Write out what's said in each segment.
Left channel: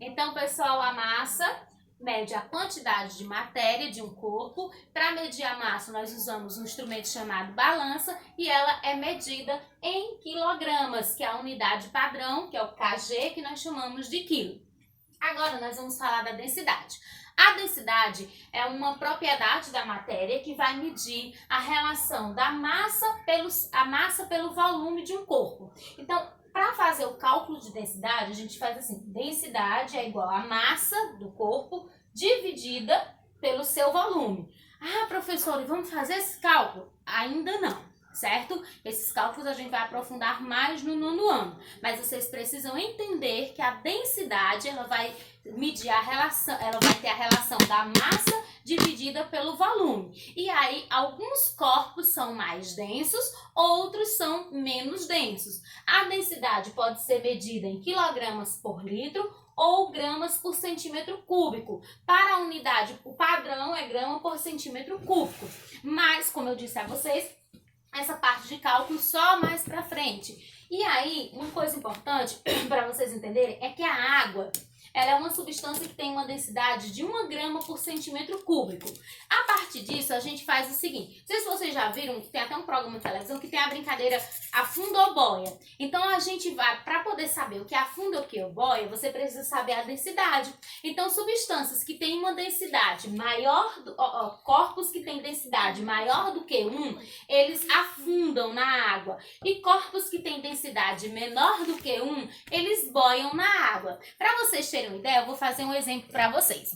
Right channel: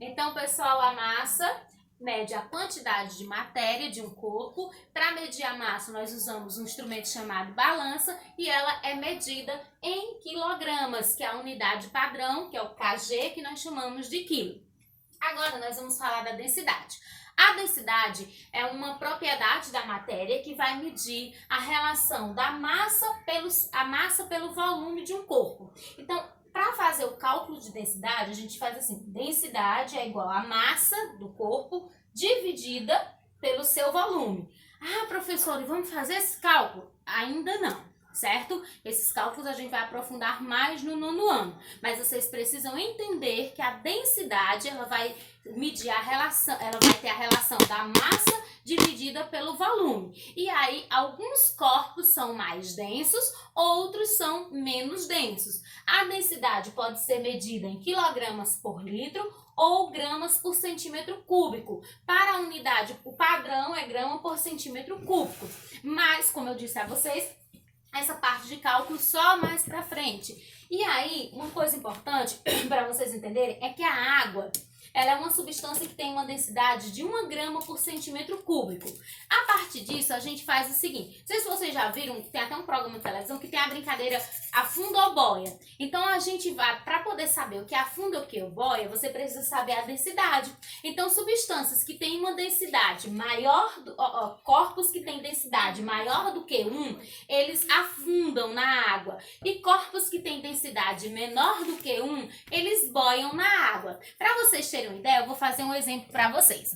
Então, pessoal, a massa mede a quantidade de matéria de um corpo. Para medir a massa, nós usamos um instrumento chamado balança e ela é medida em quilogramas, que é a unidade padrão, que é o kg, que nós chamamos de quilo. Agora, nós vamos falar da densidade. A densidade é uma propriedade da matéria que vai medir a relação da massa pelo volume de um corpo. Então, para fazer o cálculo de densidade, a gente faz assim: densidade é igual a massa do corpo dividida pelo seu volume. Ah, professora, vamos fazer esse cálculo? Ainda não, certo? Esses cálculos a gente vai aprofundar mais no nono ano. Mas vocês precisam entender que a densidade, ela vai medir a relação, ela vai ter a relação da massa dividida pelo volume. E aí, alguns corpos são mais densos, outros são menos densos. A densidade pode ser medida em quilogramas por litro ou gramas por centímetro cúbico. Para a unidade, o padrão é grama por centímetro cúbico. Mas, como eu disse a vocês, essa parte de cálculo só mais para frente. E aí, uma coisa importante para vocês entenderem é que a água, ela é uma substância que tem uma densidade de 1 grama por centímetro cúbico. A partir disso, a gente faz o seguinte. Não sei se vocês já viram, tem até um programa de televisão que tem a brincadeira afunda ou boia. Então, a gente vai, para poder saber o que afunda ou o que boia, você precisa saber a densidade. Então, substâncias que têm uma densidade maior, corpos que têm densidade maior do que 1, eles afundam na água. E corpos que têm densidade menor do que 1, eles boiam na água. Para vocês terem uma ideia, eu vou fazer um exemplo para vocês.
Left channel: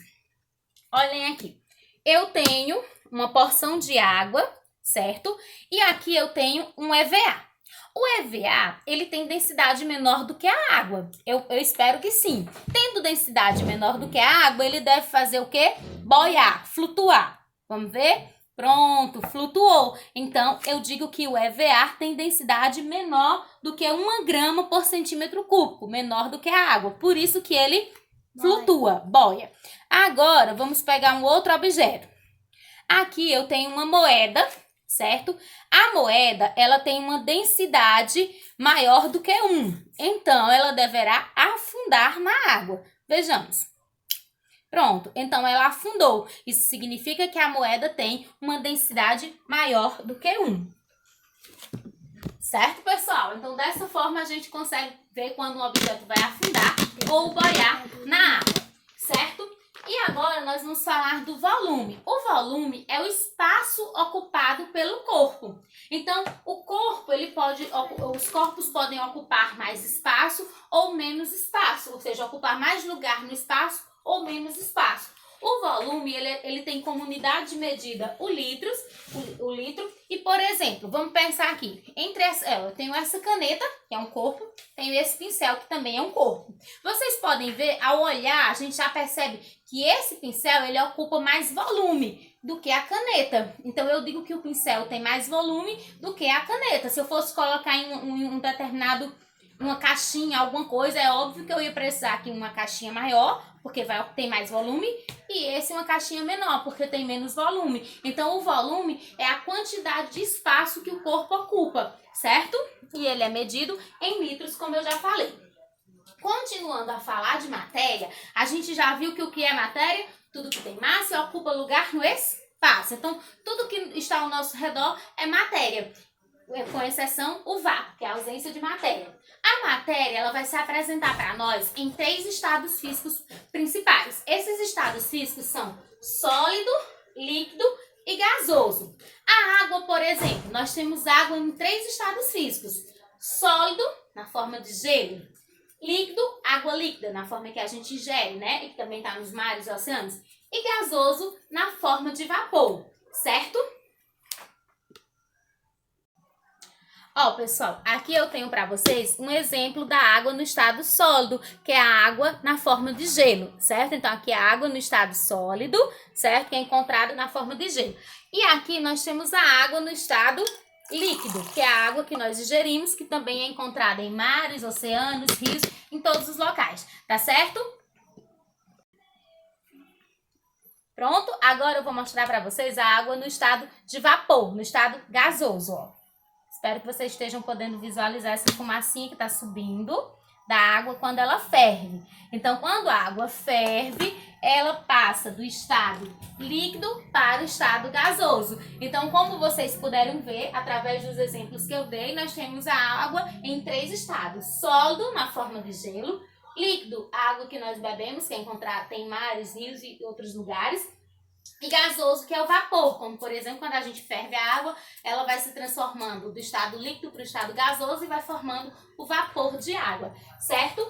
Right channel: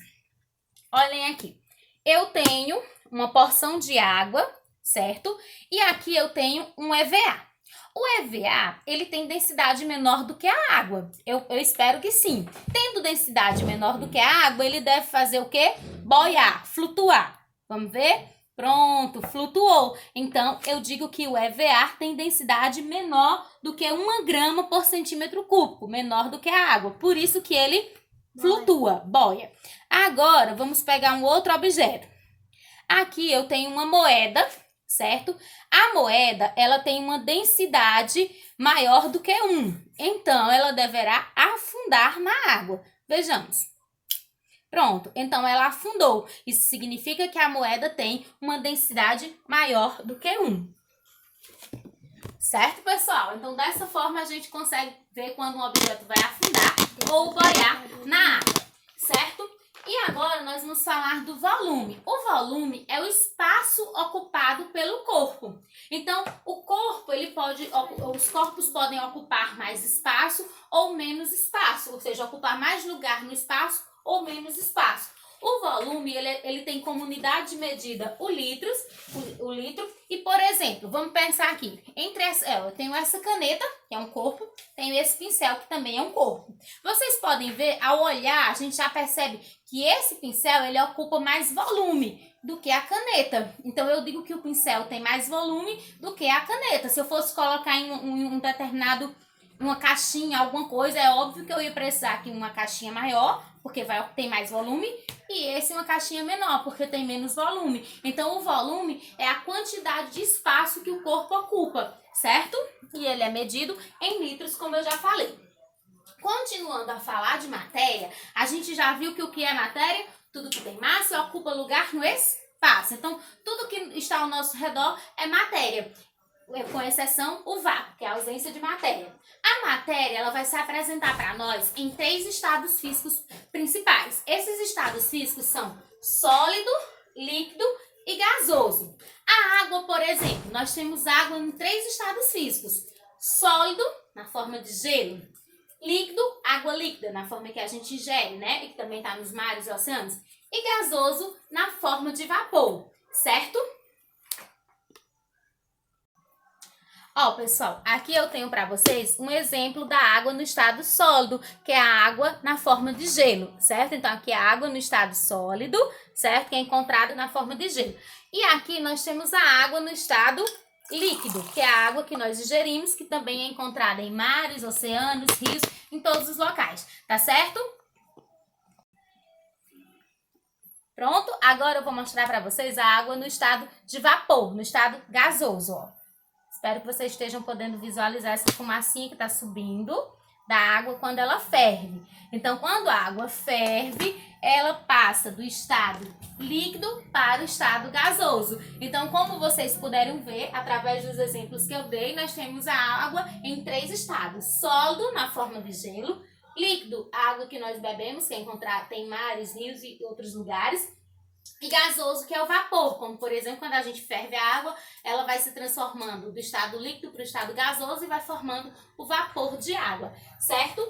Olhem aqui. Eu tenho uma porção de água, certo? E aqui eu tenho um EVA. O EVA, ele tem densidade menor do que a água. Eu espero que sim. Tendo densidade menor do que a água, ele deve fazer o quê? Boiar, flutuar. Vamos ver? Pronto, flutuou. Então, eu digo que o EVA tem densidade menor do que 1 grama por centímetro cúbico, menor do que a água. Por isso que ele flutua, boia. Agora, vamos pegar um outro objeto. Aqui eu tenho uma moeda, certo? A moeda, ela tem uma densidade maior do que 1. Então, ela deverá afundar na água. Vejamos. Pronto, então ela afundou. Isso significa que a moeda tem uma densidade maior do que 1. Certo, pessoal? Então, dessa forma, a gente consegue ver quando um objeto vai afundar ou boiar na água, certo? E agora, nós vamos falar do volume. O volume é o espaço ocupado pelo corpo. Então, o corpo, os corpos podem ocupar mais espaço ou menos espaço, ou seja, ocupar mais lugar no espaço ou menos espaço. O volume, ele tem como unidade de medida o litro. E, por exemplo, vamos pensar aqui. Eu tenho essa caneta, que é um corpo, tenho esse pincel, que também é um corpo. Vocês podem ver, ao olhar, a gente já percebe que esse pincel, ele ocupa mais volume do que a caneta. Então, eu digo que o pincel tem mais volume do que a caneta. Se eu fosse colocar em um determinado, uma caixinha, alguma coisa, é óbvio que eu ia precisar aqui uma caixinha maior, porque tem mais volume, e esse uma caixinha menor, porque tem menos volume. Então, o volume é a quantidade de espaço que o corpo ocupa, certo? E ele é medido em litros, como eu já falei. Continuando a falar de matéria, a gente já viu que o que é matéria? Tudo que tem massa ocupa lugar no espaço. Então, tudo que está ao nosso redor é matéria, com exceção o vácuo, que é a ausência de matéria. A matéria, ela vai se apresentar para nós em 3 estados físicos principais. Esses estados físicos são sólido, líquido e gasoso. A água, por exemplo, nós temos água em 3 estados físicos. Sólido, na forma de gelo. Líquido, água líquida, na forma que a gente ingere, né? E que também está nos mares e oceanos. E gasoso, na forma de vapor, certo? Ó, pessoal, aqui eu tenho para vocês um exemplo da água no estado sólido, que é a água na forma de gelo, certo? Então, aqui é a água no estado sólido, certo? Que é encontrada na forma de gelo. E aqui nós temos a água no estado líquido, que é a água que nós ingerimos, que também é encontrada em mares, oceanos, rios, em todos os locais, tá certo? Pronto? Agora eu vou mostrar para vocês a água no estado de vapor, no estado gasoso, ó. Espero que vocês estejam podendo visualizar essa fumacinha que está subindo da água quando ela ferve. Então, quando a água ferve, ela passa do estado líquido para o estado gasoso. Então, como vocês puderam ver, através dos exemplos que eu dei, nós temos a água em 3 estados. Sólido, na forma de gelo. Líquido, a água que nós bebemos, que é encontrada em mares, rios e outros lugares. E gasoso, que é o vapor, como por exemplo, quando a gente ferve a água, ela vai se transformando do estado líquido para o estado gasoso e vai formando o vapor de água, certo?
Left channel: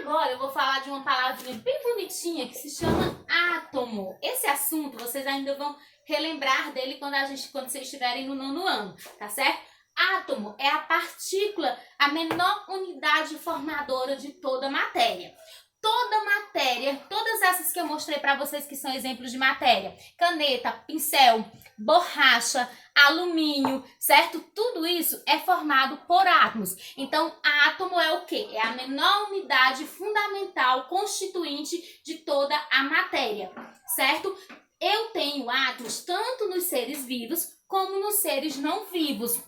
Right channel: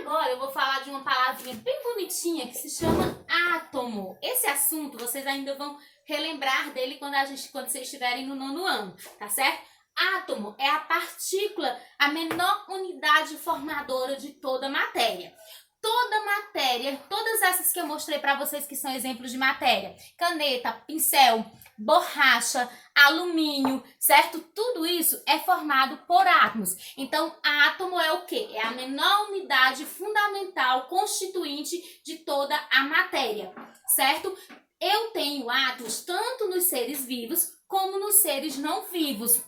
Agora eu vou falar de uma palavrinha bem bonitinha que se chama átomo. Esse assunto vocês ainda vão relembrar dele quando vocês estiverem no 9º ano, tá certo? Átomo é a partícula, a menor unidade formadora de toda matéria. Toda matéria, todas essas que eu mostrei para vocês que são exemplos de matéria, caneta, pincel, borracha, alumínio, certo? Tudo isso é formado por átomos. Então, átomo é o quê? É a menor unidade fundamental constituinte de toda a matéria, certo? Eu tenho átomos tanto nos seres vivos como nos seres não vivos.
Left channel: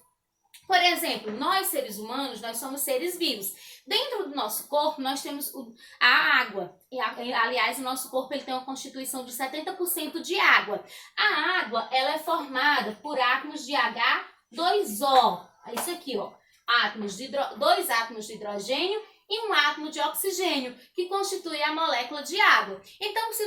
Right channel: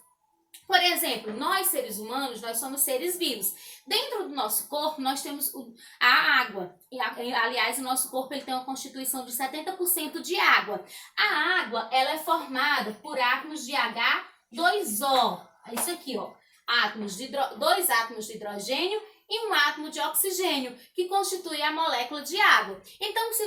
Por exemplo, nós seres humanos, nós somos seres vivos. Dentro do nosso corpo, nós temos a água. Aliás, o nosso corpo ele tem uma constituição de 70% de água. A água ela é formada por átomos de H2O. É isso aqui, ó. Dois átomos de hidrogênio e um átomo de oxigênio, que constitui a molécula de água. Então, se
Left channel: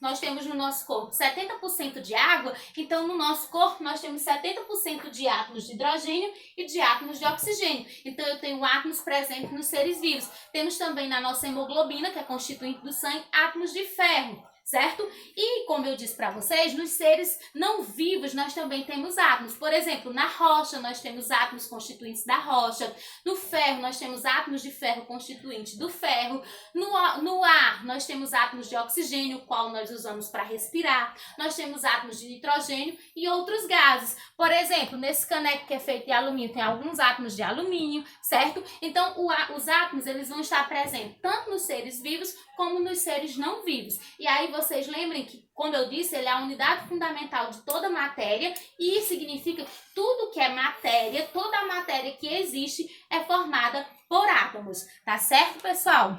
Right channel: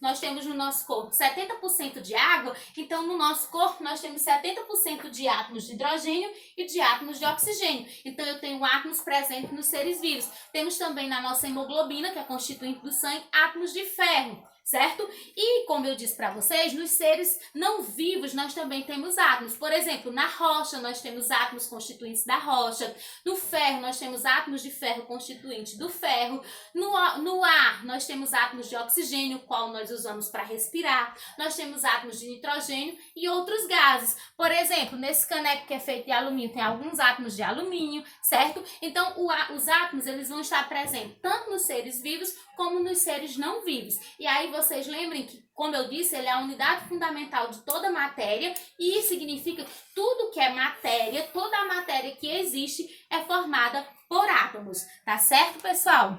nós temos no nosso corpo 70% de água, então no nosso corpo nós temos 70% de átomos de hidrogênio e de átomos de oxigênio. Então, eu tenho átomos presentes nos seres vivos. Temos também na nossa hemoglobina, que é constituinte do sangue, átomos de ferro, certo? E, como eu disse para vocês, nos seres não vivos nós também temos átomos. Por exemplo, na rocha nós temos átomos constituintes da rocha. No ferro nós temos átomos de ferro constituintes do ferro. No ar nós temos átomos de oxigênio, o qual nós usamos para respirar. Nós temos átomos de nitrogênio e outros gases. Por exemplo, nesse caneco que é feito de alumínio tem alguns átomos de alumínio, certo? Então, os átomos eles vão estar presentes tanto nos seres vivos como nos seres não vivos. E aí vocês lembrem que, como eu disse, ele é a unidade fundamental de toda matéria e isso significa que tudo que é matéria, toda a matéria que existe é formada por átomos, tá certo, pessoal?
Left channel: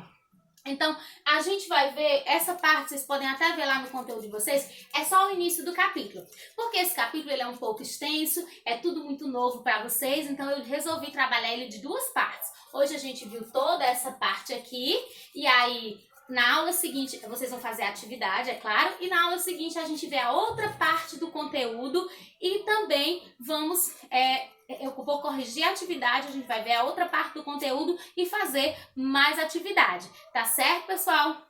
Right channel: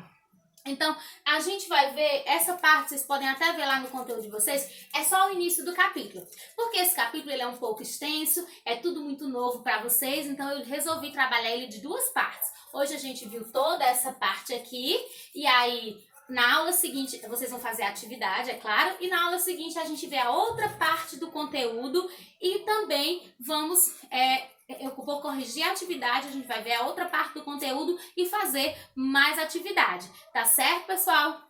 Então, a gente vai ver essa parte, vocês podem até ver lá no conteúdo de vocês, é só o início do capítulo. Porque esse capítulo ele é um pouco extenso, é tudo muito novo para vocês, então eu resolvi trabalhar ele de 2 partes. Hoje a gente viu toda essa parte aqui, e aí na aula seguinte vocês vão fazer a atividade, é claro, e na aula seguinte a gente vê a outra parte do conteúdo e também eu vou corrigir a atividade, a gente vai ver a outra parte do conteúdo e fazer mais atividade, tá certo, pessoal?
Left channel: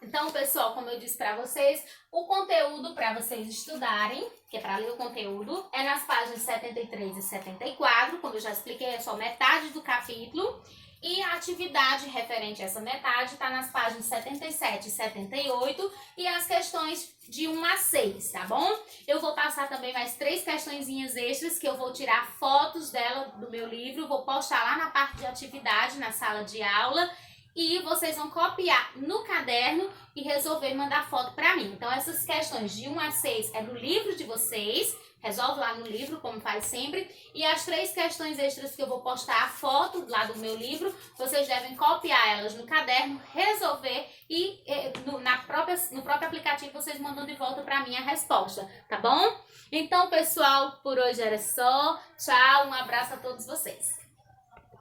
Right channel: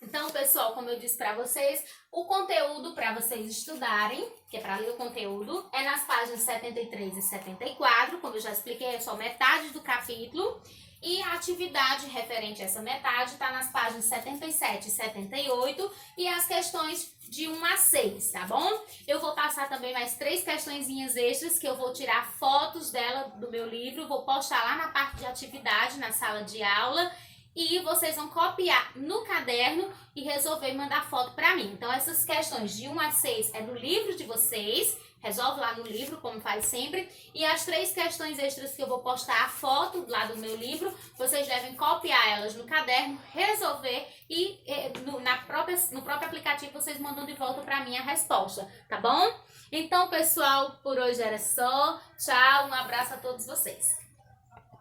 Então, pessoal, como eu disse para vocês, o conteúdo para vocês estudarem, que é para ler o conteúdo, é nas páginas 73 e 74, como eu já expliquei, é só metade do capítulo. E a atividade referente a essa metade está nas páginas 77 e 78 e as questões de 1 a 6, tá bom? Eu vou passar também mais 3 questõezinhas extras que eu vou tirar fotos dela do meu livro, vou postar lá na parte de atividade, na sala de aula, e vocês vão copiar no caderno e resolver e mandar foto para mim. Então, essas questões de 1 a 6 é do livro de vocês, resolve lá no livro, como faz sempre. E as 3 questões extras que eu vou postar a foto lá do meu livro, vocês devem copiar elas no caderno, resolver e no próprio aplicativo vocês mandam de volta para mim a resposta, tá bom? Então, pessoal, por hoje era só. Tchau, um abraço a todos vocês.